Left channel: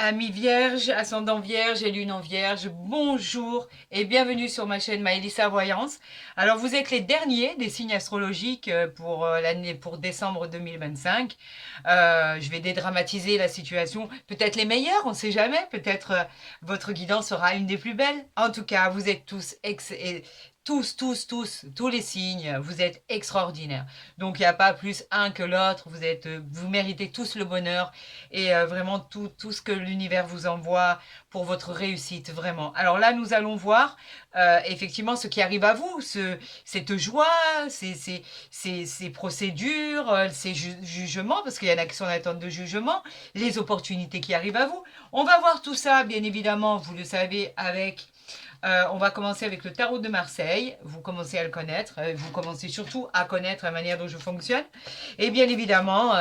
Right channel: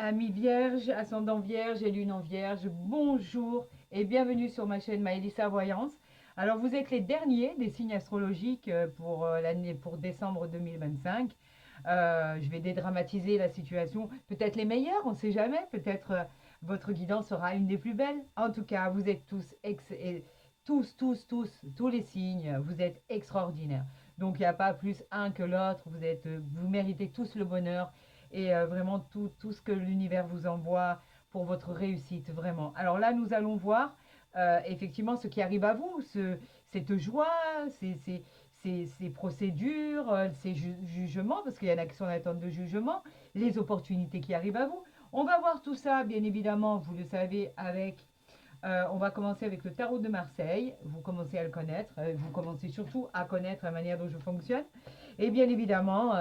Amis vierges, ascendant vierge et lune en vierge, bonjour et bienvenue sur ma chaîne Maëlissa Voyance. Alors vous êtes les derniers des signes astrologiques pour l'année pour décembre 2025. Je vais dédramatiser la situation, peut-être les meilleurs, on ne sait jamais, peut-être votre guidance sera une des plus belles. En tout cas, vous êtes tous les signes, vous êtes extraordinaires. Donc il n'y a pas plus un que l'autre, vous méritez tous le bonheur et vraiment tout ce que l'univers vous envoie pour votre réussite, vraiment. Alors là, nous allons voir effectivement ce qui arrive à vous, cette joie, ces procédures, ces jugements, parce qu'il y en a qui sont en attente de jugement, les opportunités qui arrivent à vous. On va voir tout ça, bien évidemment, vous le savez, avec on va commencer avec le tarot de Marseille. Vous commencez à le connaître. Vous commencez surtout à connaître la manière dont je fonctionne. Et bien évidemment,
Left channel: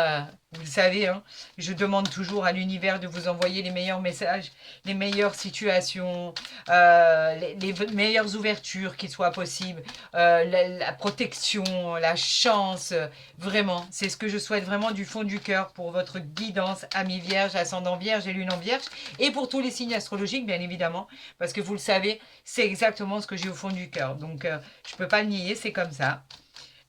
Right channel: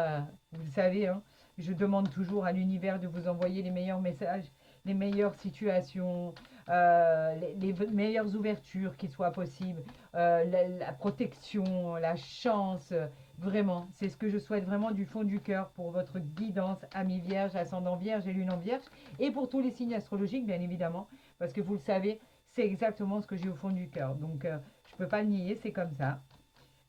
vous le savez, hein, je demande toujours à l'univers de vous envoyer les meilleurs messages, les meilleures situations, les meilleures ouvertures qui soient possibles, la protection, la chance. Vraiment, c'est ce que je souhaite vraiment du fond du cœur pour votre guidance, ami vierge, ascendant vierge et lune en vierge. Et pour tous les signes astrologiques, bien évidemment, parce que vous le savez, c'est exactement ce que j'ai au fond du cœur. Donc, je ne peux pas le nier, c'est comme ça.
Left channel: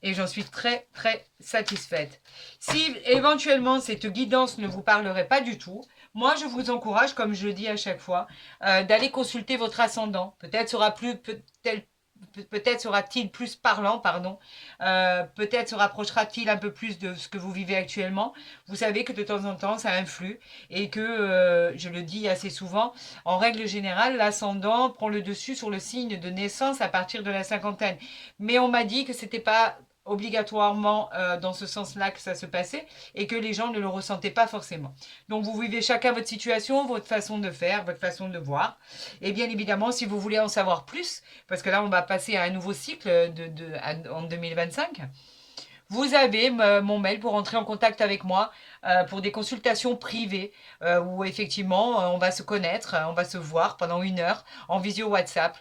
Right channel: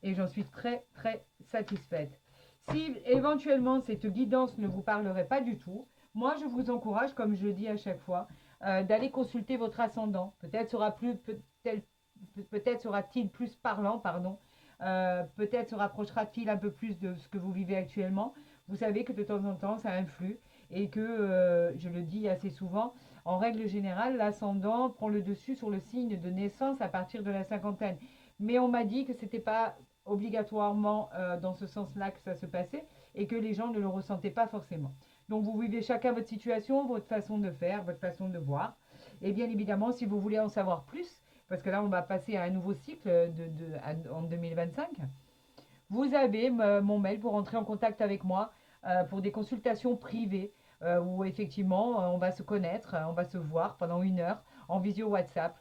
Et j'en suis très, très satisfaite. Si éventuellement cette guidance ne vous parlerait pas du tout, moi je vous encourage, comme je le dis à chaque fois, d'aller consulter votre ascendant. Peut-être sera-t-il plus parlant, pardon. Peut-être se rapprochera-t-il un peu plus de ce que vous vivez actuellement. Vous savez que de temps en temps, ça influe et que, je le dis assez souvent, en règle générale, l'ascendant prend le dessus sur le signe de naissance à partir de la cinquantaine. Mais on m'a dit que c'était pas obligatoirement dans ce sens-là que ça se passait et que les gens ne le ressentaient pas forcément. Donc vous vivez chacun votre situation, votre façon de faire, votre façon de voir. Et bien évidemment, si vous voulez en savoir plus, parce que là on va passer à un nouveau cycle en 2025, vous avez mon mail pour entrer en contact avec moi pour des consultations privées où effectivement on va se connaître, on va se voir pendant 1 heure en visio WhatsApp.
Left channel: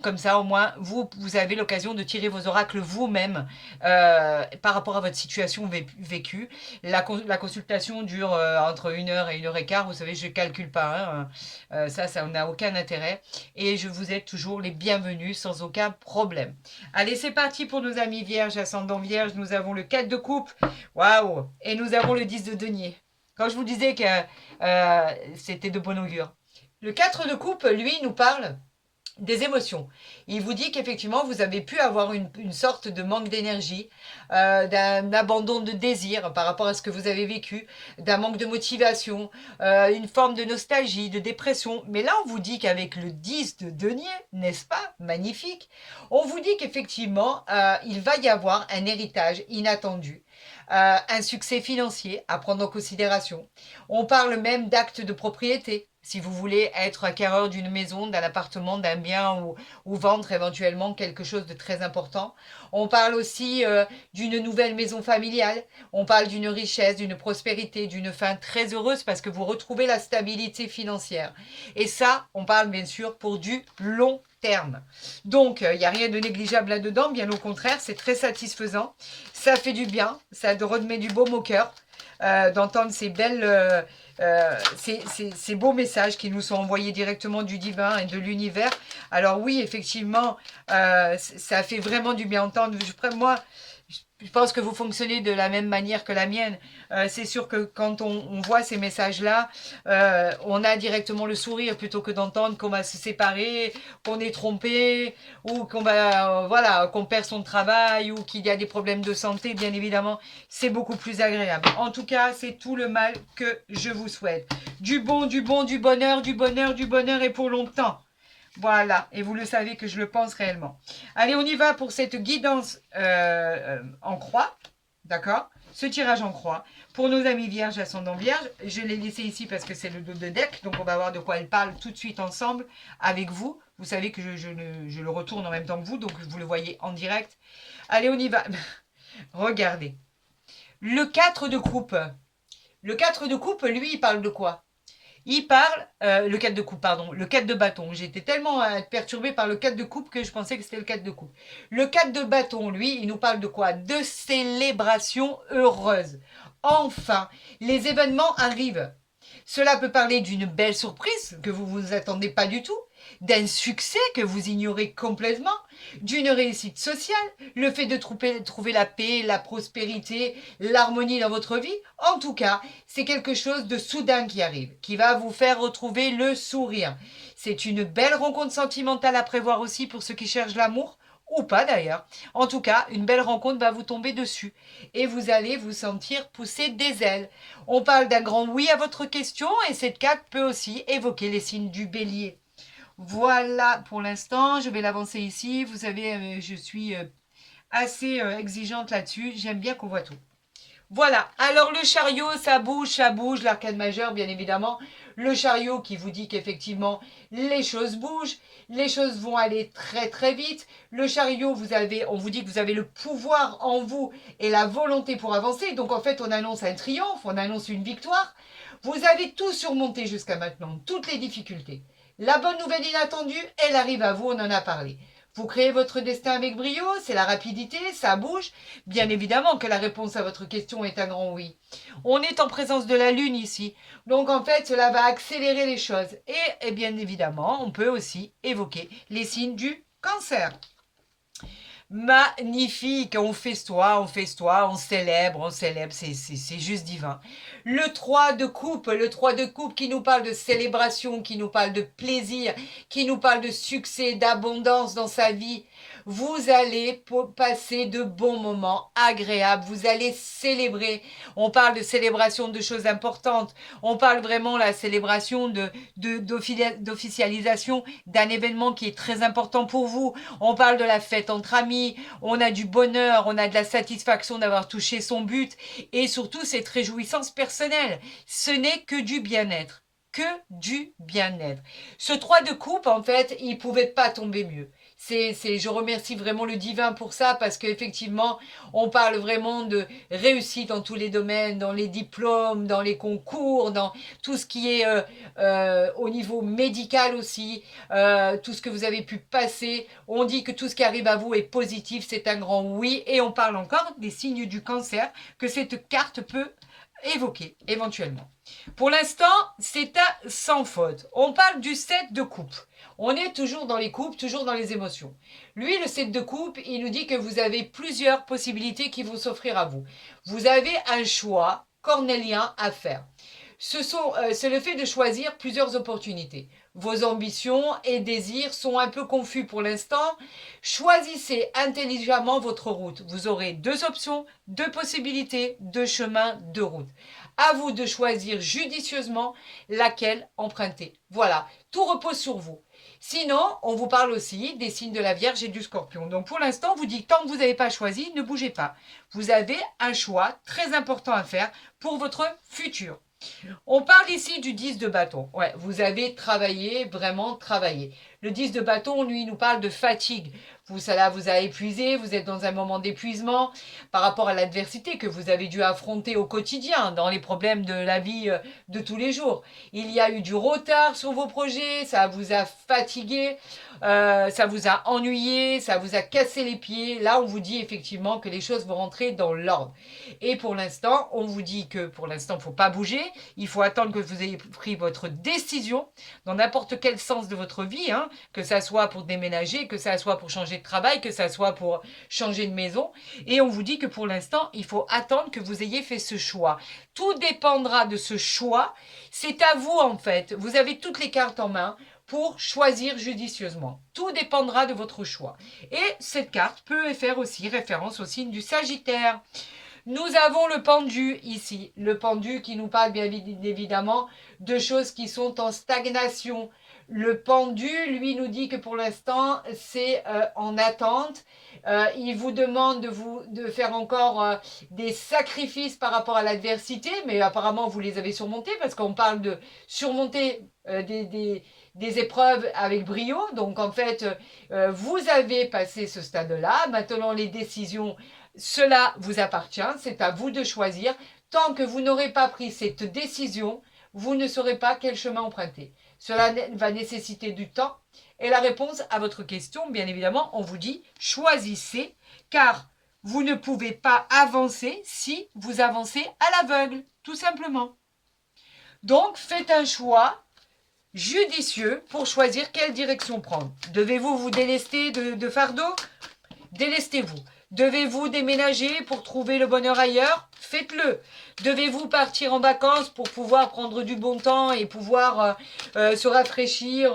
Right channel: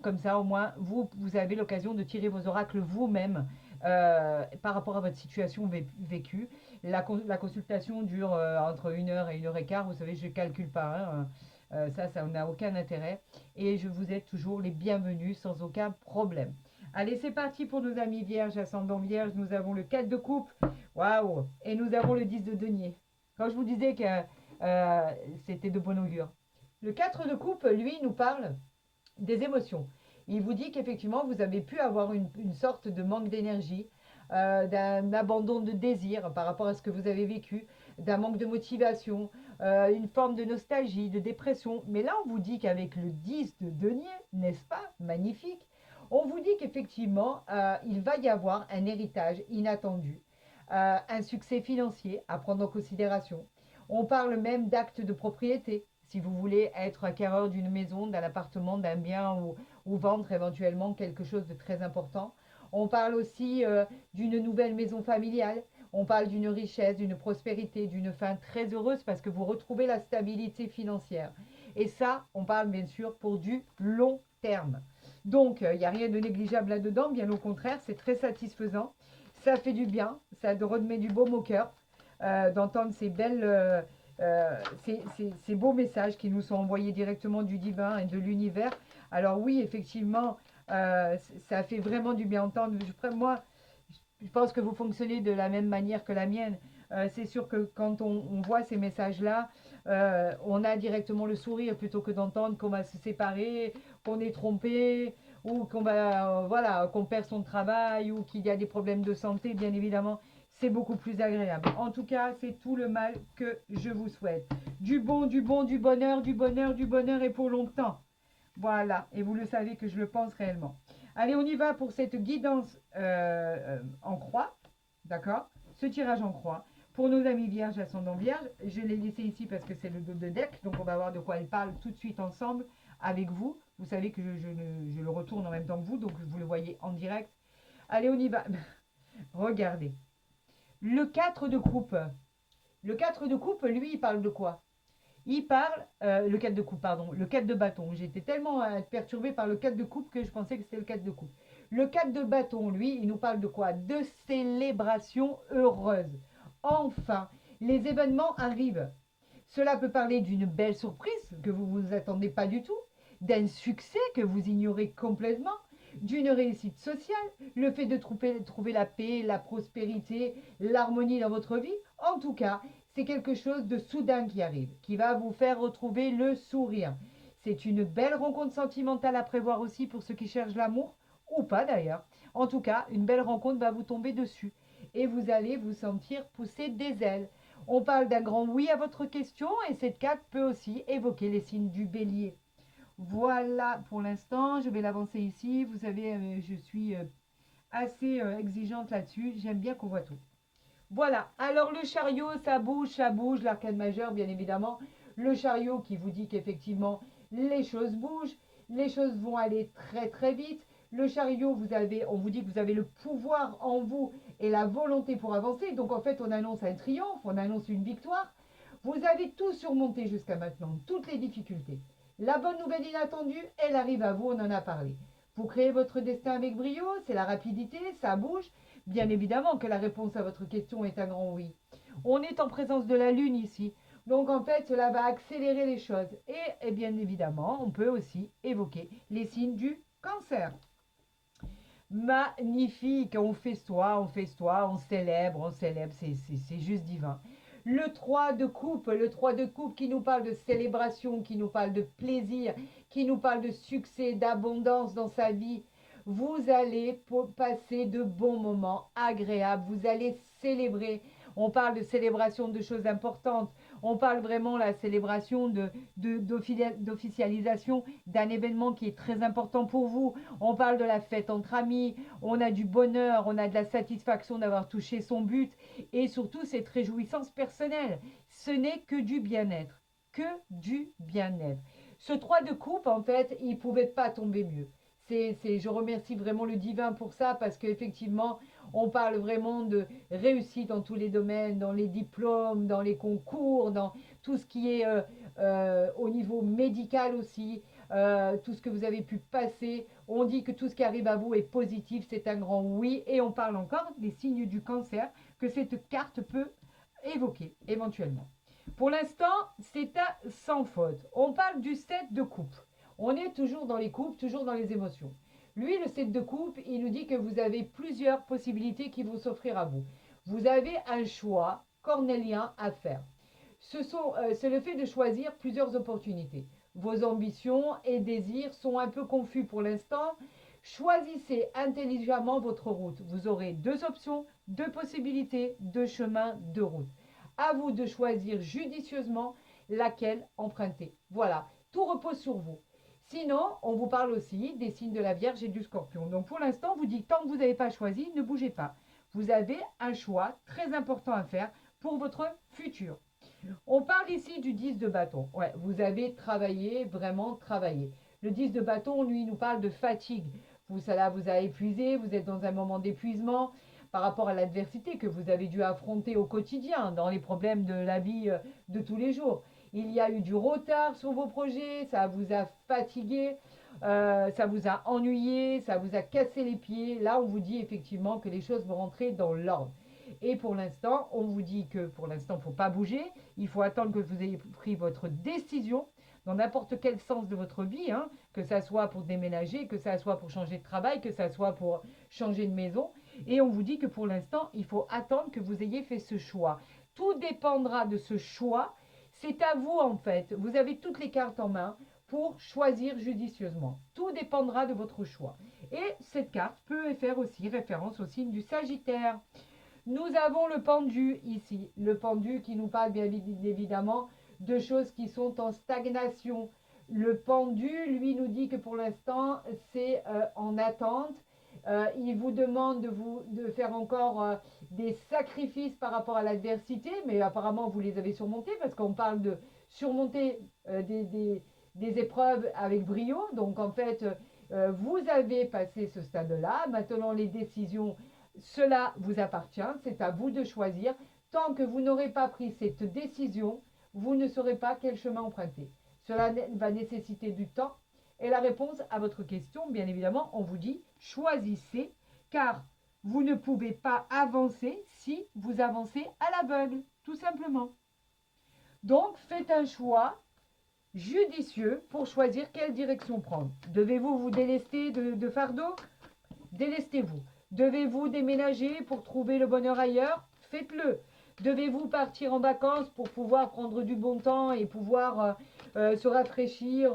Comme ça au moins vous avez l'occasion de tirer vos oracles vous-même par rapport à votre situation vécue. La consultation dure entre 1 heure et 1 heure et quart. Vous savez, je ne calcule pas. Hein, ça n'a aucun intérêt. Et je vous aide toujours les bienvenus sans aucun problème. Allez, c'est parti pour nos amis vierges, ascendant vierge. Nous avons le 4 de coupe. Waouh! Et nous avons le 10 de denier. Quand je vous disais que c'était de bon augure. Le 4 de coupe, lui, nous parle des émotions. Il vous dit qu'effectivement, vous avez pu avoir une sorte de manque d'énergie, d'un abandon de désir par rapport à ce que vous avez vécu, d'un manque de motivation, une forme de nostalgie, de dépression. Mais là, on vous dit qu'avec le 10 de denier, n'est-ce pas? Magnifique. On vous dit qu'effectivement, il va y avoir un héritage inattendu. Un succès financier à prendre en considération. On parle même d'actes de propriété. Si vous voulez être acquéreur d'une maison, d'un appartement, d'un bien ou vendre éventuellement quelque chose de très important. On parle aussi d'une nouvelle maison familiale. On parle d'une richesse, d'une prospérité, d'une fin très heureuse parce que vous retrouvez la stabilité financière. Et ça, on parle bien sûr pour du long terme. Donc, il n'y a rien de négligeable là-dedans, bien au contraire, c'est très satisfaisant. Ça fait du bien, ça remet du baume au cœur d'entendre ces beaux messages qui nous sont envoyés directement du divin et de l'univers. Alors oui, effectivement, ça fait vraiment du bien entendre. Moi, je pense que vous fonctionnez de la même manière que la mienne. C'est sûr que quand on voit ces messages-là, on a directement le sourire plutôt que d'entendre qu'on va se séparer, qu'on est trompé, ou qu'on perd son travail, ou qu'il y a des problèmes de santé. Bien évidemment, c'est beaucoup plus agréable. En tout cas, c'est tout le mal que je vous souhaite. Du bon, du bon, du bonheur, du bonheur, du bonheur et pour longtemps. Voilà, et vous le savez que je le pense réellement. Allez, on y va pour cette guidance en croix, d'accord? Ce tirage en croix. Pour nos amis vierges, ascendant vierge, je l'ai laissé ici parce que c'est le dos de deck, donc on va voir de quoi elle parle tout de suite ensemble avec vous. Vous savez que je le retourne en même temps que vous, donc vous le voyez en direct. Allez, on y va. Regardez. Le 4 de coupe. Le 4 de coupe, lui, il parle de quoi? Il parle, le 4 de coupe, pardon, le 4 de bâton. J'étais tellement perturbée par le 4 de coupe que je pensais que c'était le 4 de coupe. Le 4 de bâton, lui, il nous parle de quoi? De célébration heureuse. Enfin, les événements arrivent. Cela peut parler d'une belle surprise que vous ne vous attendez pas du tout, d'un succès que vous ignorez complètement, d'une réussite sociale, le fait de trouver la paix, la prospérité, l'harmonie dans votre vie. En tout cas, c'est quelque chose de soudain qui arrive, qui va vous faire retrouver le sourire. C'est une belle rencontre sentimentale à prévoir aussi pour ceux qui cherchent l'amour, ou pas d'ailleurs. En tout cas, une belle rencontre va vous tomber dessus et vous allez vous sentir pousser des ailes. On parle d'un grand oui à votre question et cette carte peut aussi évoquer les signes du bélier. Voilà pour l'instant, je vais l'avancer ici. Vous savez, je suis assez exigeante là-dessus. J'aime bien qu'on voit tout. Voilà, alors le chariot, ça bouge, l'arcade majeur, bien évidemment. Le chariot qui vous dit qu'effectivement, les choses bougent, les choses vont aller très très vite. Le chariot, on vous dit que vous avez le pouvoir en vous et la volonté pour avancer. Donc en fait, on annonce un triomphe, on annonce une victoire. Vous avez tout surmonté jusqu'à maintenant, toutes les difficultés. La bonne nouvelle inattendue, elle arrive à vous, on en a parlé. Vous créez votre destin avec brio, c'est la rapidité, ça bouge. Bien évidemment que la réponse à votre question est un grand oui. On est en présence de la Lune ici. Donc en fait, cela va accélérer les choses. Et bien évidemment, on peut aussi évoquer les signes du cancer. Magnifique, on festoie, on célèbre, c'est juste divin. Le 3 de coupe, qui nous parle de célébration, qui nous parle de plaisir, qui nous parle de succès, d'abondance dans sa vie. Vous allez passer de bons moments agréables, vous allez célébrer. On parle de célébration de choses importantes, on parle vraiment de la célébration d'officialisation d'un événement qui est très important pour vous. On parle de la fête entre amis, on a du bonheur, on a de la satisfaction d'avoir touché son but et surtout cette réjouissance personnelle. Ce n'est que du bien-être. Que du bien-être. Ce 3 de coupe, en fait, il ne pouvait pas tomber mieux. Je remercie vraiment le divin pour ça parce qu'effectivement, on parle vraiment de réussite dans tous les domaines, dans les diplômes, dans les concours, dans tout ce qui est au niveau médical aussi, tout ce que vous avez pu passer. On dit que tout ce qui arrive à vous est positif, c'est un grand oui. Et on parle encore des signes du cancer que cette carte peut évoquer éventuellement. Pour l'instant, c'est à sans faute. On parle du 7 de coupe. On est toujours dans les coupes, toujours dans les émotions. Lui, le 7 de coupe, il nous dit que vous avez plusieurs possibilités qui vont s'offrir à vous. Vous avez un choix cornélien à faire. C'est le fait de choisir plusieurs opportunités. Vos ambitions et désirs sont un peu confus pour l'instant. Choisissez intelligemment votre route. Vous aurez 2 options, 2 possibilités, 2 chemins, 2 routes. À vous de choisir judicieusement laquelle emprunter. Voilà, tout repose sur vous. Sinon, on vous parle aussi des signes de la Vierge et du Scorpion. Donc pour l'instant, on vous dit tant que vous n'avez pas choisi, ne bougez pas. Vous avez un choix très important à faire pour votre futur. On parle ici du 10 de bâton. Ouais, vous avez travaillé, vraiment travaillé. Le 10 de bâton, lui, nous parle de fatigue. Ça vous a épuisé, vous êtes dans un moment d'épuisement par rapport à l'adversité que vous avez dû affronter au quotidien, dans les problèmes de la vie de tous les jours. Il y a eu du retard sur vos projets, ça vous a fatigué, ça vous a ennuyé, ça vous a cassé les pieds. Là, on vous dit effectivement que les choses vont rentrer dans l'ordre. Et pour l'instant, on vous dit que pour l'instant, il ne faut pas bouger. Il faut attendre que vous ayez pris votre décision dans n'importe quel sens de votre vie, hein, que ça soit pour déménager, que ça soit pour changer de travail, que ça soit pour changer de maison. Et on vous dit que pour l'instant, il faut attendre que vous ayez fait ce choix. Tout dépendra de ce choix. C'est à vous, en fait. Vous avez toutes les cartes en main pour choisir judicieusement. Tout dépendra de votre choix. Et cette carte peut faire aussi référence au signe du Sagittaire. Nous avons le pendu ici. Le pendu qui nous parle bien évidemment de choses qui sont en stagnation. Le pendu, lui, nous dit que pour l'instant, c'est en attente. Il vous demande de faire encore des sacrifices par rapport à l'adversité, mais apparemment, vous les avez surmontés parce qu'on parle de surmonter des épreuves avec brio. Donc, en fait, vous avez passé ce stade-là. Maintenant, les décisions, cela vous appartient. C'est à vous de choisir. Tant que vous n'aurez pas pris cette décision, vous ne saurez pas quel chemin emprunter. Cela va nécessiter du temps. Et la réponse à votre question, bien évidemment, on vous dit choisissez, car vous ne pouvez pas avancer si vous avancez à l'aveugle, tout simplement. Donc, faites un choix judicieux pour choisir quelle direction prendre. Devez-vous vous délester de fardeau? Délestez-vous. Devez-vous déménager pour trouver le bonheur ailleurs? Faites-le. Devez-vous partir en vacances pour pouvoir prendre du bon temps et pouvoir se rafraîchir,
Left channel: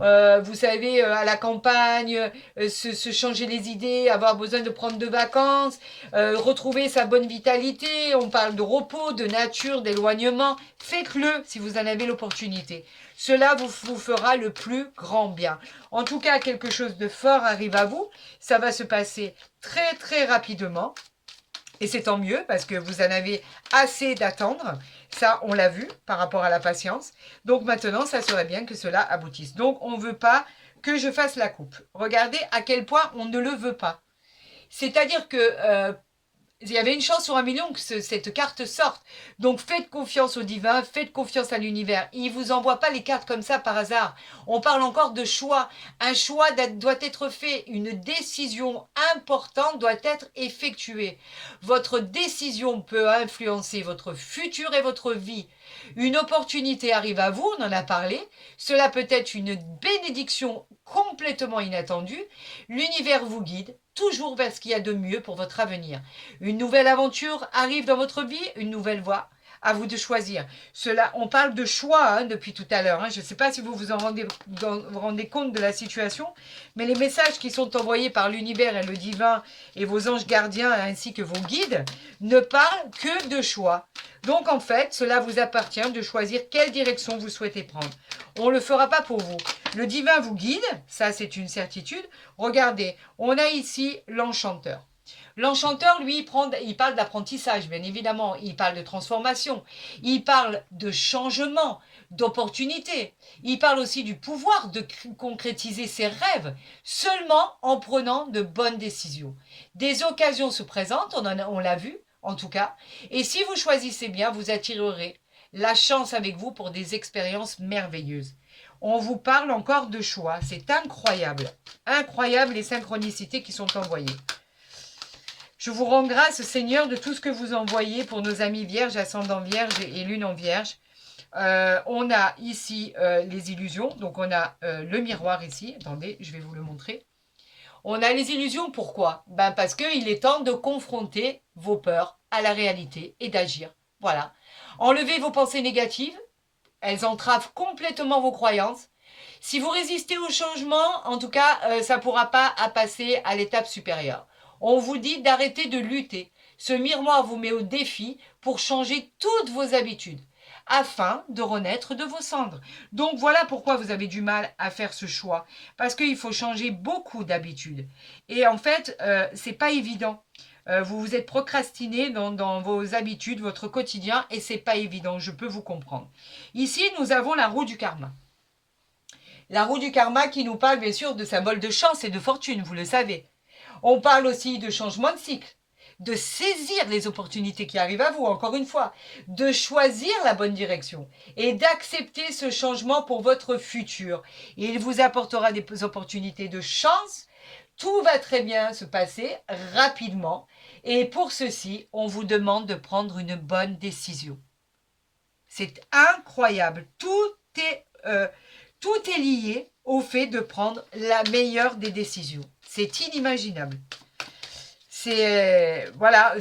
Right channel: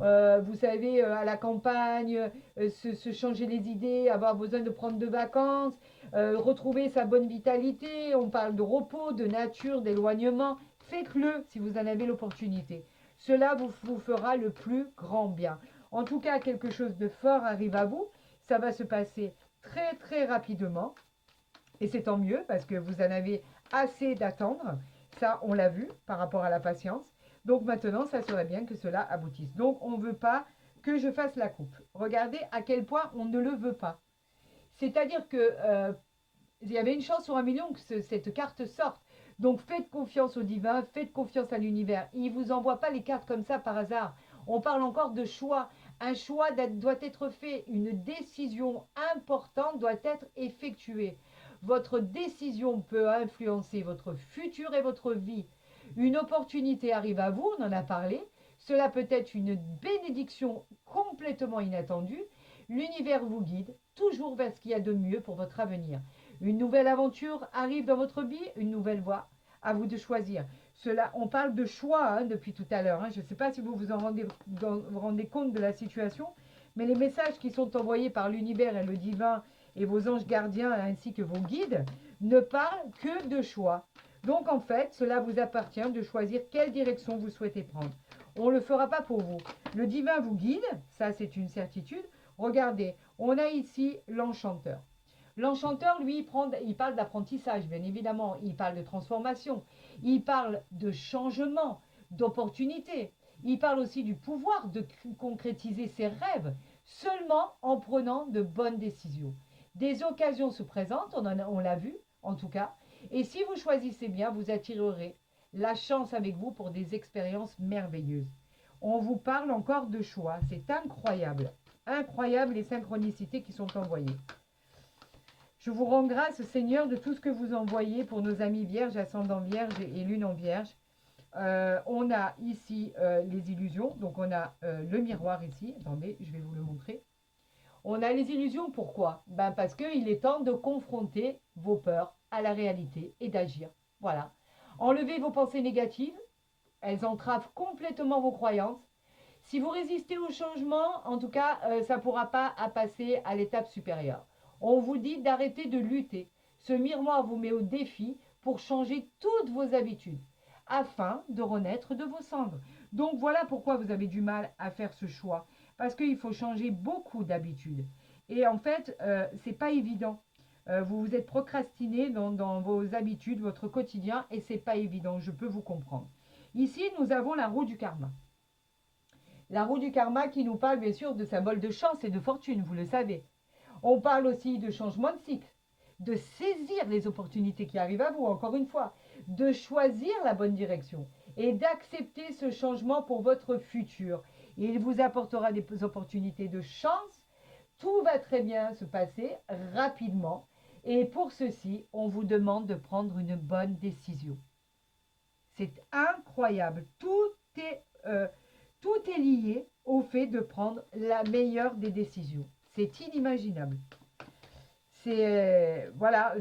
vous savez, à la campagne, se changer les idées, avoir besoin de prendre de vacances, retrouver sa bonne vitalité. On parle de repos, de nature, d'éloignement. Faites-le si vous en avez l'opportunité. Cela vous fera le plus grand bien. En tout cas, quelque chose de fort arrive à vous. Ça va se passer très très rapidement. Et c'est tant mieux parce que vous en avez assez d'attendre. Ça, on l'a vu par rapport à la patience. Donc maintenant, ça serait bien que cela aboutisse. Donc, on ne veut pas que je fasse la coupe. Regardez à quel point on ne le veut pas. C'est-à-dire que il y avait une chance sur 1 million que cette carte sorte. Donc faites confiance au divin, faites confiance à l'univers. Il ne vous envoie pas les cartes comme ça par hasard. On parle encore de choix. Un choix doit être fait. Une décision importante doit être effectuée. Votre décision peut influencer votre futur et votre vie. Une opportunité arrive à vous, on en a parlé. Cela peut être une bénédiction complètement inattendue. L'univers vous guide toujours vers ce qu'il y a de mieux pour votre avenir. Une nouvelle aventure arrive dans votre vie, une nouvelle voie. À vous de choisir. Cela, on parle de choix depuis tout à l'heure. Je ne sais pas si vous vous rendez compte de la situation, mais les messages qui sont envoyés par l'univers et le divin et vos anges gardiens ainsi que vos guides ne parlent que de choix. Donc en fait, cela vous appartient de choisir quelle direction vous souhaitez prendre. On ne le fera pas pour vous. Le divin vous guide, ça c'est une certitude. Regardez, on a ici l'enchanteur. L'enchanteur, lui, il parle d'apprentissage, bien évidemment. Il parle de transformation. Il parle de changement, d'opportunité. Il parle aussi du pouvoir de concrétiser ses rêves seulement en prenant de bonnes décisions. Des occasions se présentent, on l'a vu, en tout cas. Et si vous choisissez bien, vous attirerez la chance avec vous pour des expériences merveilleuses. On vous parle encore de choix. C'est incroyable. Incroyable les synchronicités qui sont envoyées. Je vous rends grâce, Seigneur, de tout ce que vous envoyez pour nos amis vierges, ascendant vierge et lune en vierge. On a ici les illusions. Donc, on a le miroir ici. Attendez, je vais vous le montrer. On a les illusions, pourquoi? Parce qu'il est temps de confronter vos peurs à la réalité et d'agir. Voilà. Enlevez vos pensées négatives. Elles entravent complètement vos croyances. Si vous résistez au changement, en tout cas, ça ne pourra pas passer à l'étape supérieure. On vous dit d'arrêter de lutter. Ce miroir vous met au défi pour changer toutes vos habitudes afin de renaître de vos cendres. Donc voilà pourquoi vous avez du mal à faire ce choix. Parce qu'il faut changer beaucoup d'habitudes. Et en fait, ce n'est pas évident. Vous vous êtes procrastiné dans vos habitudes, votre quotidien, et c'est pas évident, je peux vous comprendre. Ici, nous avons la roue du karma. La roue du karma qui nous parle bien sûr de symbole de chance et de fortune, vous le savez. On parle aussi de changement de cycle, de saisir les opportunités qui arrivent à vous, encore une fois, de choisir la bonne direction et d'accepter ce changement pour votre futur. Il vous apportera des opportunités de chance. Tout va très bien se passer rapidement. Et pour ceci, on vous demande de prendre une bonne décision. C'est incroyable. Tout est lié au fait de prendre la meilleure des décisions. C'est inimaginable. Voilà,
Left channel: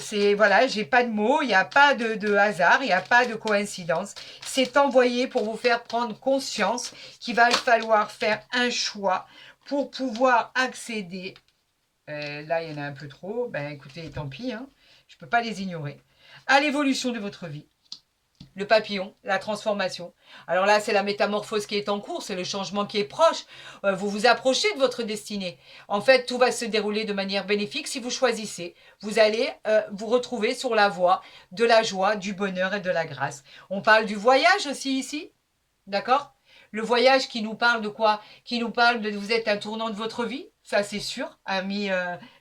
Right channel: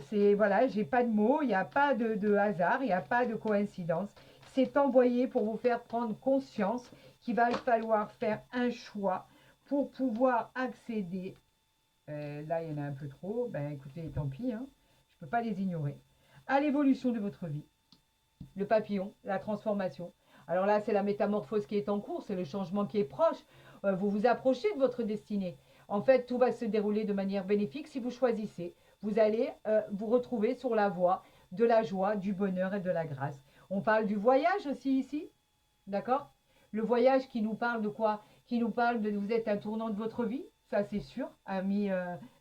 j'ai pas de mots, il n'y a pas de hasard, il n'y a pas de coïncidence. C'est envoyé pour vous faire prendre conscience qu'il va falloir faire un choix pour pouvoir accéder. Là, il y en a un peu trop. Écoutez, tant pis, je ne peux pas les ignorer. À l'évolution de votre vie. Le papillon, la transformation. Alors là, c'est la métamorphose qui est en cours, c'est le changement qui est proche. Vous vous approchez de votre destinée. En fait, tout va se dérouler de manière bénéfique si vous choisissez. Vous allez vous retrouver sur la voie de la joie, du bonheur et de la grâce. On parle du voyage aussi ici, d'accord? Le voyage qui nous parle de quoi? Qui nous parle de vous êtes un tournant de votre vie, ça c'est sûr, ami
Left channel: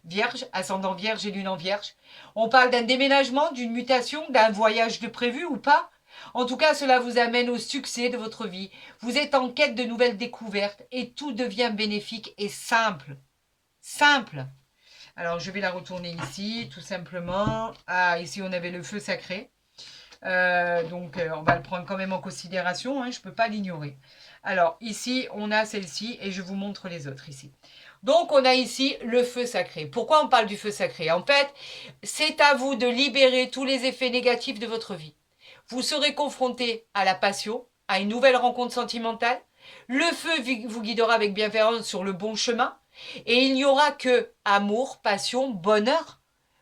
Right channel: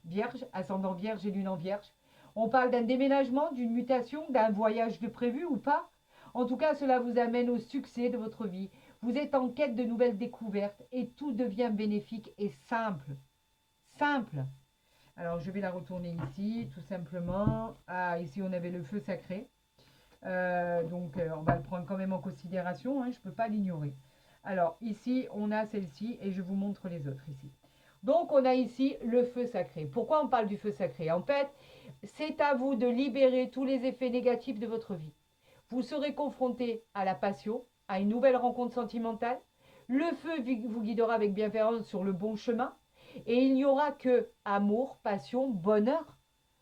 vierge, ascendant vierge et lune en vierge. On parle d'un déménagement, d'une mutation, d'un voyage de prévu ou pas. En tout cas, cela vous amène au succès de votre vie. Vous êtes en quête de nouvelles découvertes et tout devient bénéfique et simple. Simple. Alors, je vais la retourner ici, tout simplement. Ah, ici, on avait le feu sacré. On va le prendre quand même en considération, hein, je ne peux pas l'ignorer. Alors ici, on a celle-ci et je vous montre les autres ici. Donc on a ici le feu sacré. Pourquoi on parle du feu sacré? En fait, c'est à vous de libérer tous les effets négatifs de votre vie. Vous serez confronté à la passion, à une nouvelle rencontre sentimentale. Le feu vous guidera avec bienveillance sur le bon chemin. Et il n'y aura que amour, passion, bonheur.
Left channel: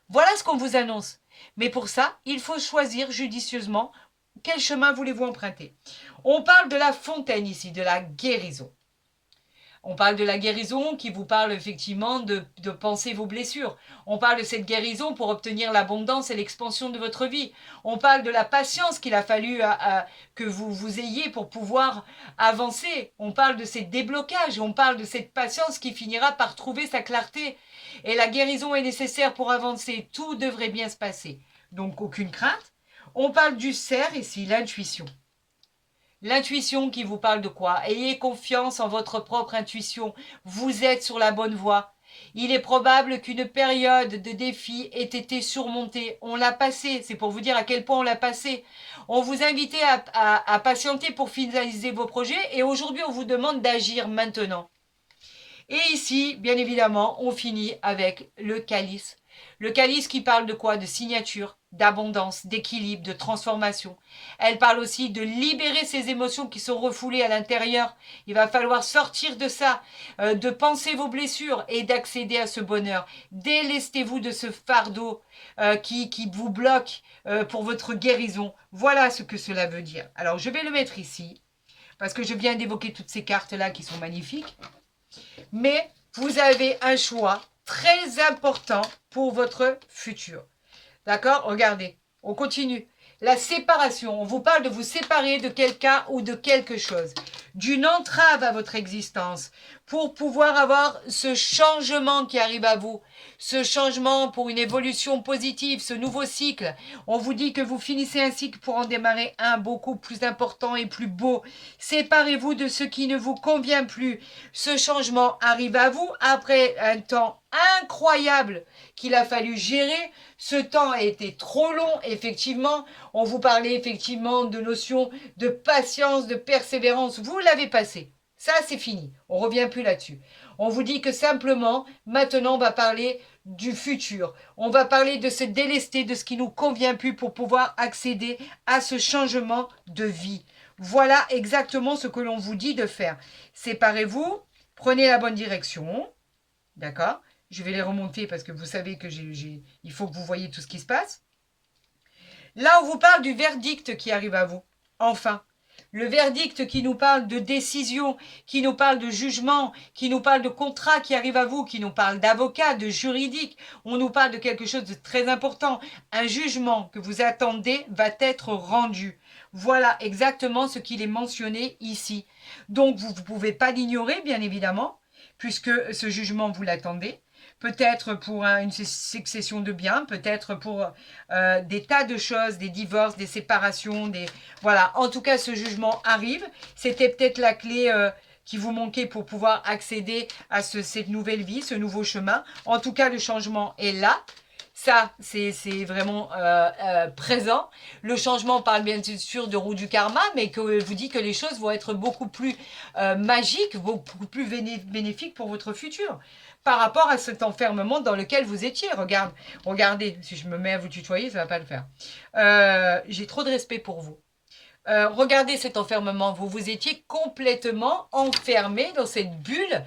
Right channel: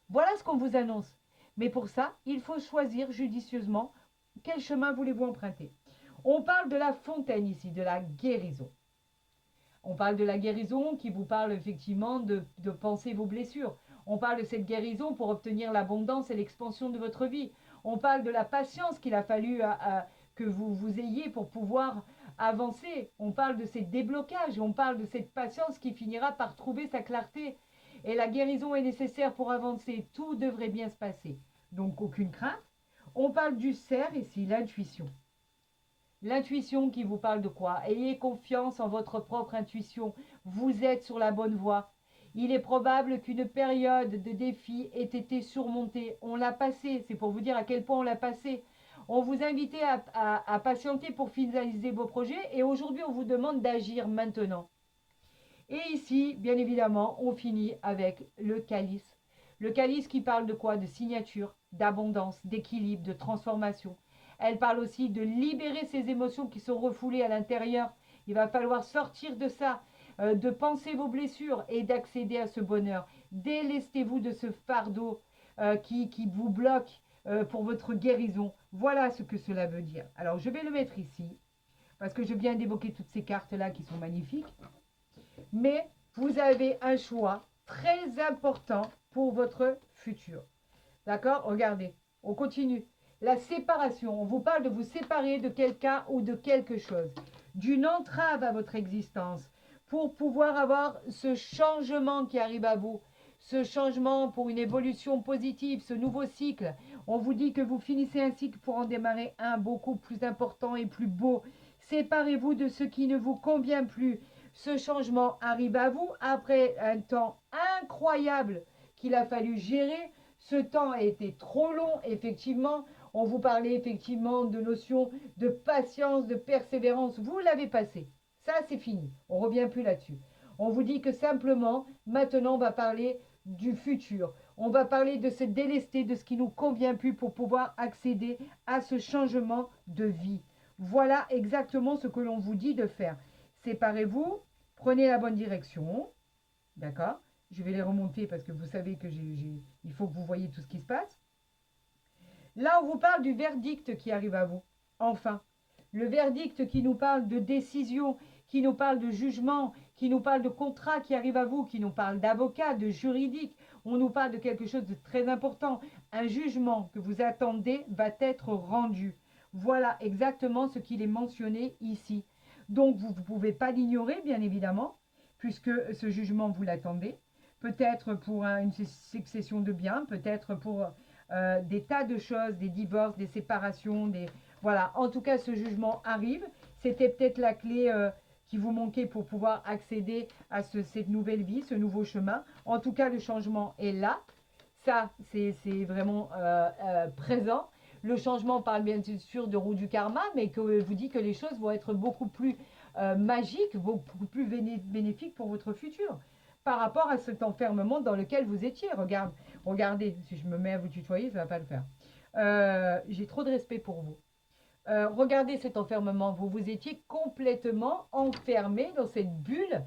Voilà ce qu'on vous annonce. Mais pour ça, il faut choisir judicieusement quel chemin voulez-vous emprunter. On parle de la fontaine ici, de la guérison. On parle de la guérison qui vous parle effectivement de penser vos blessures. On parle de cette guérison pour obtenir l'abondance et l'expansion de votre vie. On parle de la patience qu'il a fallu que vous ayez pour pouvoir avancer. On parle de ces déblocages. On parle de cette patience qui finira par trouver sa clarté. Et la guérison est nécessaire pour avancer. Tout devrait bien se passer. Donc aucune crainte. On parle du cerf ici, l'intuition. L'intuition qui vous parle de quoi? Ayez confiance en votre propre intuition. Vous êtes sur la bonne voie. Il est probable qu'une période de défi ait été surmontée. On l'a passée. C'est pour vous dire à quel point on l'a passée. On vous invitait à patienter pour finaliser vos projets et aujourd'hui on vous demande d'agir maintenant. Et ici, bien évidemment, on finit avec le calice. Le calice qui parle de quoi? De signature, d'abondance, d'équilibre, de transformation. Elle parle aussi de libérer ces émotions qui sont refoulées à l'intérieur. Il va falloir sortir de ça, de penser vos blessures et d'accéder à ce bonheur. Délestez-vous de ce fardeau qui vous bloque pour votre guérison. Voilà ce que cela veut dire. Alors, je vais le mettre ici, parce que je viens d'évoquer toutes ces cartes-là qui sont magnifiques. Mais vous avez un choix très important pour votre futur. D'accord? Regardez, on continue. La séparation, on vous parle de vous séparer de quelqu'un ou de quelque chose, d'une entrave à votre existence, pour pouvoir avoir ce changement qui arrive à vous, ce changement pour une évolution positive, ce nouveau cycle. On vous dit que vous finissez un cycle pour en démarrer un beaucoup plus important et plus beau. Séparez-vous de ce qui ne vous convient plus. Ce changement arrive à vous après un temps incroyable qu'il a fallu gérer. Ce temps a été trop long, effectivement. On vous parlait effectivement de notions de patience, de persévérance. Vous l'avez passé. Ça, c'est fini. On ne revient plus là-dessus. On vous dit que simplement, maintenant, on va parler du futur. On va parler de se délester de ce qui nous convient plus pour pouvoir accéder à ce changement de vie. Voilà exactement ce que l'on vous dit de faire. Séparez-vous, prenez la bonne direction. D'accord? Je vais les remonter parce que vous savez que il faut que vous voyez tout ce qui se passe. Là, on vous parle du verdict qui arrive à vous. Enfin, le verdict qui nous parle de décision, qui nous parle de jugement, qui nous parle de contrat qui arrive à vous, qui nous parle d'avocat, de juridique. On nous parle de quelque chose de très important. Un jugement que vous attendez va être rendu. Voilà exactement ce qu'il est mentionné ici. Donc, vous ne pouvez pas l'ignorer, bien évidemment, puisque ce jugement, vous l'attendez. Peut-être pour une succession de biens, peut-être pour des tas de choses, des divorces, des séparations, voilà. En tout cas, ce jugement arrive. C'était peut-être la clé qui vous manquait pour pouvoir accéder à cette nouvelle vie, ce nouveau chemin. En tout cas, le changement est là. Ça, c'est vraiment présent. Le changement parle bien sûr de roue du karma, mais que vous dit que les choses vont être beaucoup plus magiques, beaucoup plus bénéfiques pour votre futur par rapport à cet enfermement dans lequel vous étiez. Regardez, si je me mets à vous tutoyer, ça ne va pas le faire. J'ai trop de respect pour vous. Regardez cet enfermement. Vous étiez complètement enfermé dans cette bulle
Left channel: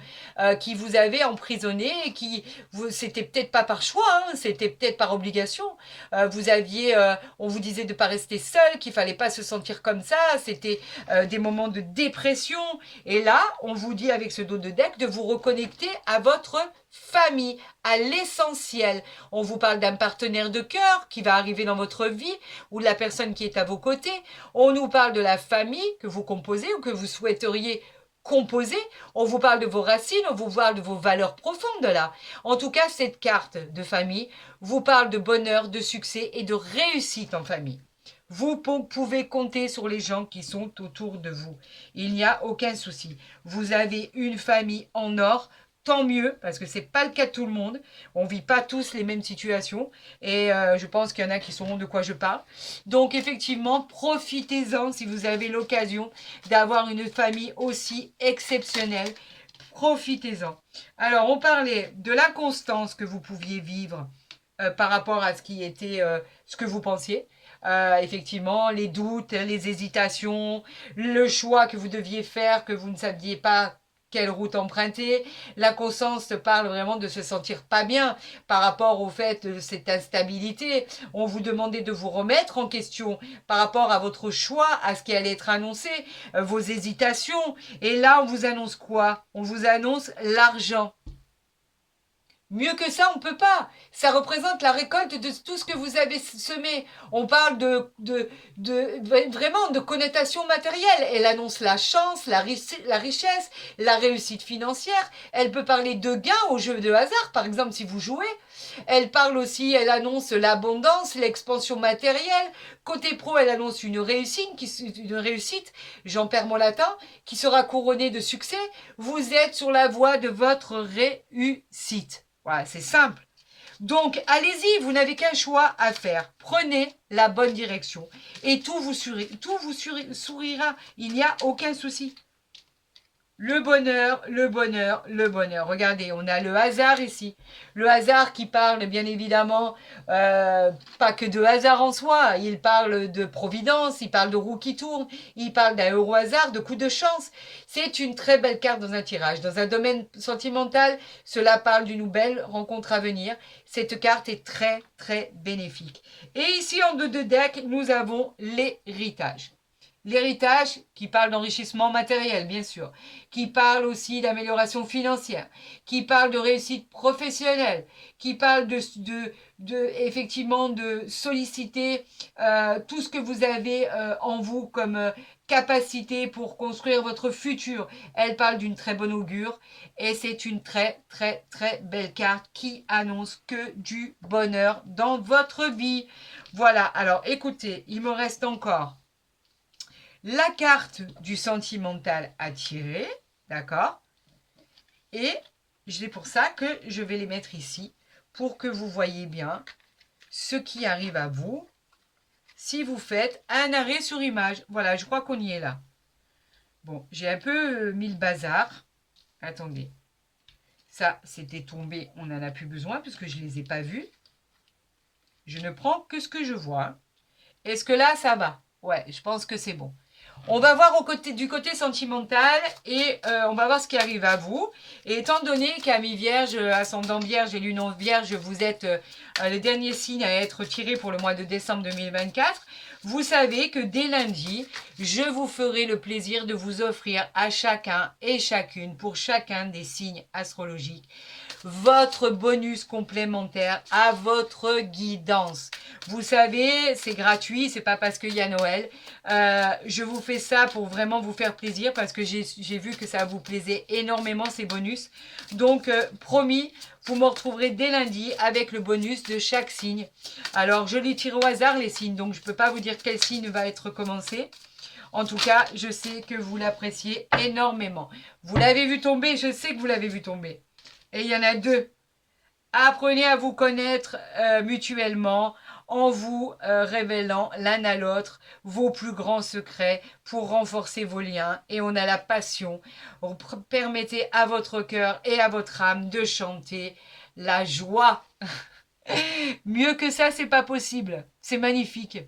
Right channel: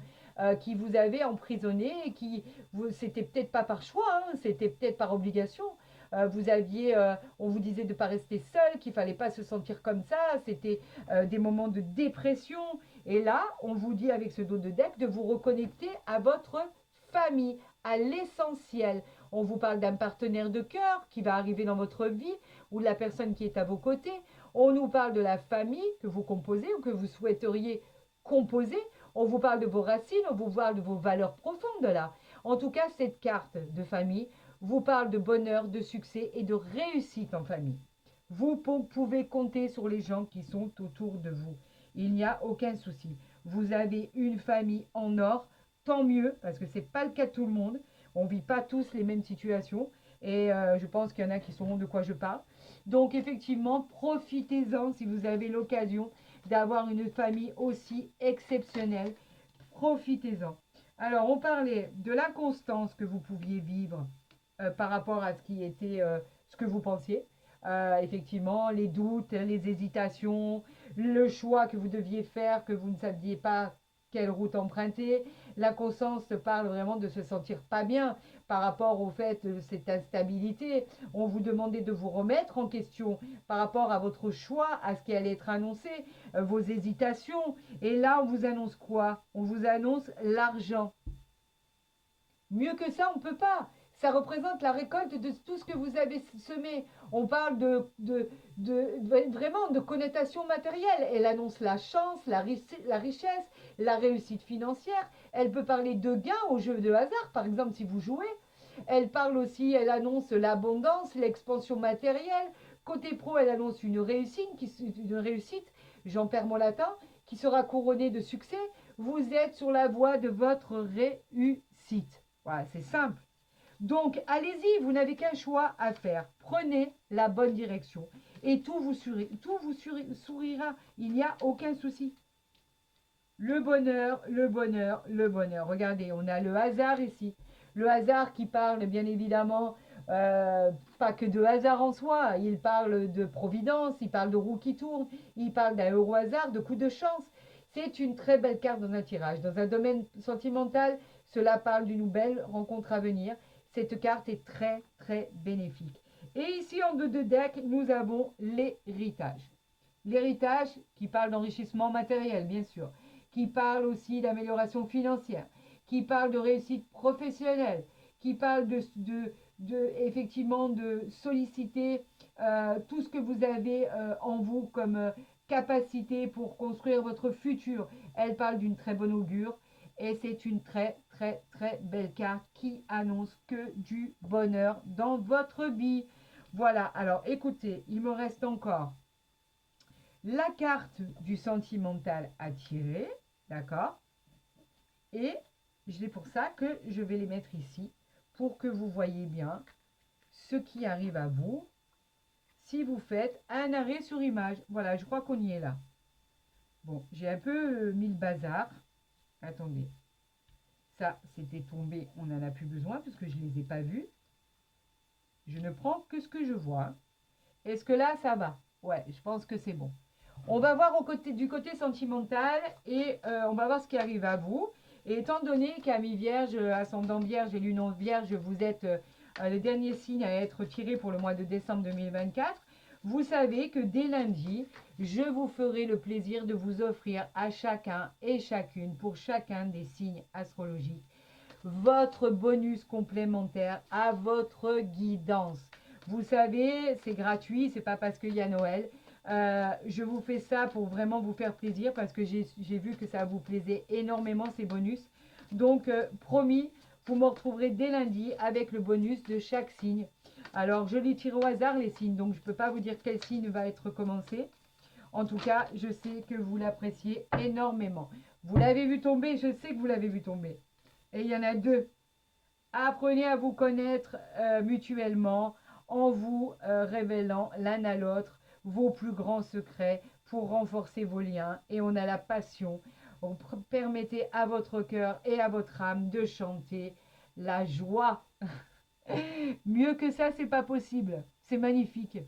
qui vous avait emprisonné et c'était peut-être pas par choix, hein, c'était peut-être par obligation. On vous disait de ne pas rester seul, qu'il fallait pas se sentir comme ça. C'était des moments de dépression. Et là, on vous dit avec ce dos de deck de vous reconnecter à votre famille, à l'essentiel. On vous parle d'un partenaire de cœur qui va arriver dans votre vie ou de la personne qui est à vos côtés. On nous parle de la famille que vous composez ou que vous souhaiteriez composer. On vous parle de vos racines, on vous parle de vos valeurs profondes là. En tout cas, cette carte de famille vous parle de bonheur, de succès et de réussite en famille. Vous pouvez compter sur les gens qui sont autour de vous. Il n'y a aucun souci. Vous avez une famille en or tant mieux, parce que c'est pas le cas de tout le monde. On vit pas tous les mêmes situations. Et je pense qu'il y en a qui sauront de quoi je parle. Donc effectivement, profitez-en si vous avez l'occasion d'avoir une famille aussi exceptionnelle. Profitez-en. Alors, on parlait de l'inconstance que vous pouviez vivre par rapport à ce qui était, ce que vous pensiez. Effectivement, les doutes, les hésitations, le choix que vous deviez faire, que vous ne saviez pas quelle route emprunter. La conscience parle vraiment de se sentir pas bien par rapport au fait de cette instabilité. On vous demandait de vous remettre en question par rapport à votre choix, à ce qui allait être annoncé, vos hésitations. Et là, on vous annonce quoi? On vous annonce l'argent. Mieux que ça, on ne peut pas. Ça représente la récolte de tout ce que vous avez semé. On parle vraiment de connotation matérielle. Elle annonce la chance, la richesse, la réussite financière. Elle peut parler de gains au jeu de hasard, par exemple, si vous jouez. Elle parle aussi, elle annonce l'abondance, l'expansion matérielle. Côté pro, elle annonce une réussite, j'en perds mon latin, qui sera couronnée de succès. Vous êtes sur la voie de votre réussite. Voilà, c'est simple. Donc, allez-y, vous n'avez qu'un choix à faire. Prenez la bonne direction et tout vous sourira. Il n'y a aucun souci. Le bonheur, le bonheur, le bonheur. Regardez, on a le hasard ici. Le hasard qui parle bien évidemment pas que de hasard en soi. Il parle de providence, il parle de roue qui tourne, il parle d'un euro hasard, de coup de chance. C'est une très belle carte dans un tirage. Dans un domaine sentimental, cela parle d'une belle rencontre à venir. Cette carte est très très bénéfique. Et ici en deux de deck, nous avons l'héritage. L'héritage qui parle d'enrichissement matériel, bien sûr, qui parle aussi d'amélioration financière, qui parle de réussite professionnelle, qui parle effectivement de solliciter tout ce que vous avez en vous comme capacité pour construire votre futur. Elle parle d'une très bonne augure et c'est une très très très belle carte qui annonce que du bonheur dans votre vie. Voilà, alors écoutez, il me reste encore la carte du sentimental à tirer, d'accord? Et c'est pour ça que je vais les mettre ici, pour que vous voyez bien ce qui arrive à vous si vous faites un arrêt sur image. Voilà, je crois qu'on y est là. Bon, j'ai un peu mis le bazar. Attendez. Ça, c'était tombé, on n'en a plus besoin, puisque je ne les ai pas vus. Je ne prends que ce que je vois. Est-ce que là, ça va? Ouais, je pense que c'est bon. On va voir du côté sentimental et on va voir ce qui arrive à vous. Et étant donné qu'Ami Vierge, Ascendant Vierge et Lune en Vierge, vous êtes les derniers signes à être tirés pour le mois de décembre 2024, vous savez que dès lundi, je vous ferai le plaisir de vous offrir à chacun et chacune, pour chacun des signes astrologiques, votre bonus complémentaire à votre guidance. Vous savez, c'est gratuit, c'est pas parce qu'il y a Noël. Je vous fais ça pour vraiment vous faire plaisir parce que j'ai vu que ça vous plaisait énormément ces bonus. Donc, promis, vous me retrouverez dès lundi avec le bonus de chaque signe. Alors, je les tire au hasard les signes, donc je ne peux pas vous dire quel signe va être commencé. En tout cas, je sais que vous l'appréciez énormément. Vous l'avez vu tomber, je sais que vous l'avez vu tomber. Et il y en a deux. Apprenez à vous connaître mutuellement en vous révélant l'un à l'autre vos plus grands secrets pour renforcer vos liens. Et on a la passion. Permettez à votre cœur et à votre âme de chanter la joie. Mieux que ça, c'est pas possible. C'est magnifique.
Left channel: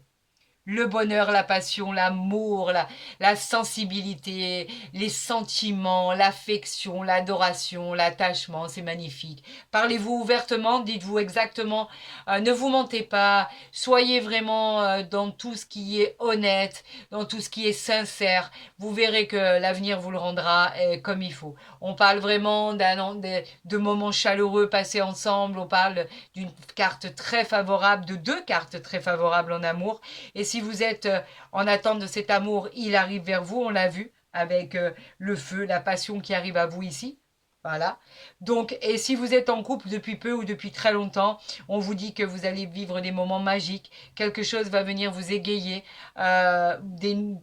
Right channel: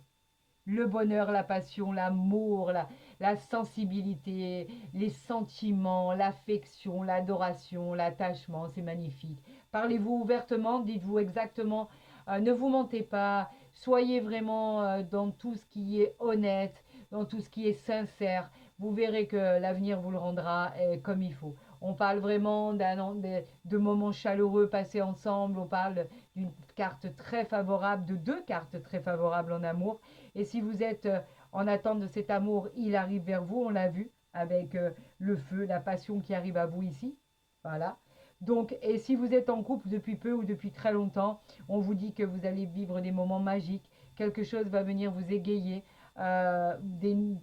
Le bonheur, la passion, l'amour, la sensibilité, les sentiments, l'affection, l'adoration, l'attachement, c'est magnifique. Parlez-vous ouvertement, dites-vous exactement, ne vous mentez pas, soyez vraiment dans tout ce qui est honnête, dans tout ce qui est sincère. Vous verrez que l'avenir vous le rendra comme il faut. On parle vraiment de moments chaleureux passés ensemble, on parle d'une carte très favorable, de deux cartes très favorables en amour. Et si vous êtes en attente de cet amour, il arrive vers vous, on l'a vu, avec le feu, la passion qui arrive à vous ici. Voilà. Donc, et si vous êtes en couple depuis peu ou depuis très longtemps, on vous dit que vous allez vivre des moments magiques, quelque chose va venir vous égayer,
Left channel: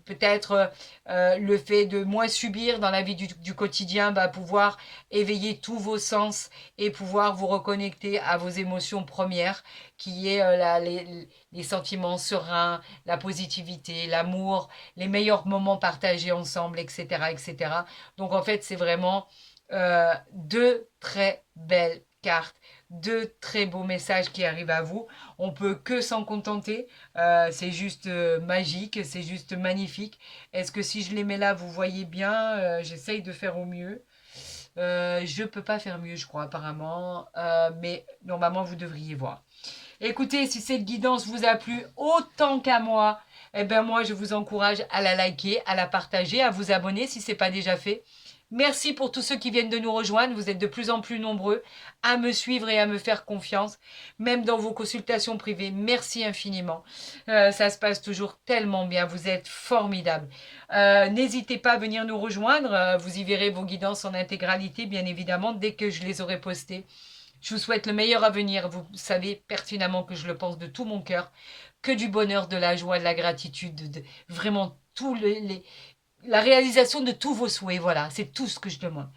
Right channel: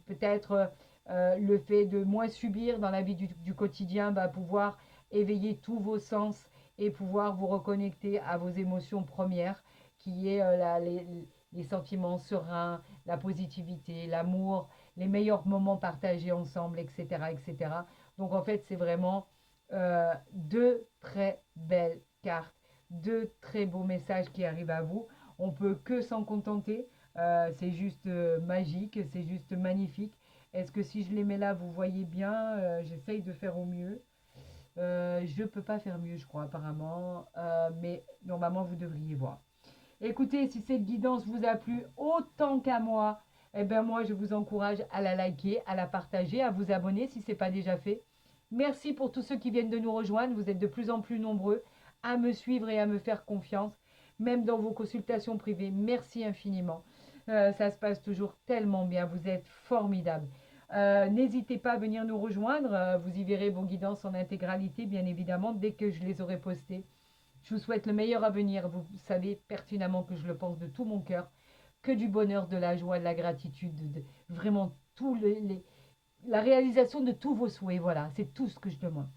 peut-être le fait de moins subir dans la vie du quotidien va pouvoir éveiller tous vos sens et pouvoir vous reconnecter à vos émotions premières, qui est les sentiments sereins, la positivité, l'amour, les meilleurs moments partagés ensemble, etc., etc. Donc en fait, c'est vraiment deux très belles cartes, deux très beaux messages qui arrivent à vous. On peut que s'en contenter. C'est juste magique, c'est juste magnifique. Est-ce que si je les mets là, vous voyez bien? J'essaye de faire au mieux. Je peux pas faire mieux, je crois, apparemment. Mais normalement, vous devriez voir. Écoutez, si cette guidance vous a plu autant qu'à moi, eh ben moi, je vous encourage à la liker, à la partager, à vous abonner si ce n'est pas déjà fait. Merci pour tous ceux qui viennent de nous rejoindre. Vous êtes de plus en plus nombreux à me suivre et à me faire confiance, même dans vos consultations privées. Merci infiniment. Ça se passe toujours tellement bien. Vous êtes formidables. N'hésitez pas à venir nous rejoindre. Vous y verrez vos guidances en intégralité, bien évidemment, dès que je les aurai postées. Je vous souhaite le meilleur avenir. Vous savez pertinemment que je le pense de tout mon cœur. Que du bonheur, de la joie, de la gratitude, vraiment la réalisation de tous vos souhaits. Voilà, c'est tout ce que je demande.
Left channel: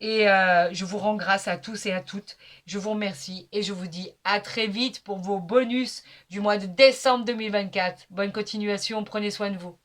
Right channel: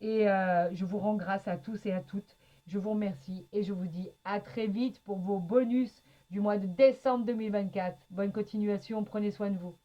Et je vous rends grâce à tous et à toutes. Je vous remercie et je vous dis à très vite pour vos bonus du mois de décembre 2024. Bonne continuation, prenez soin de vous.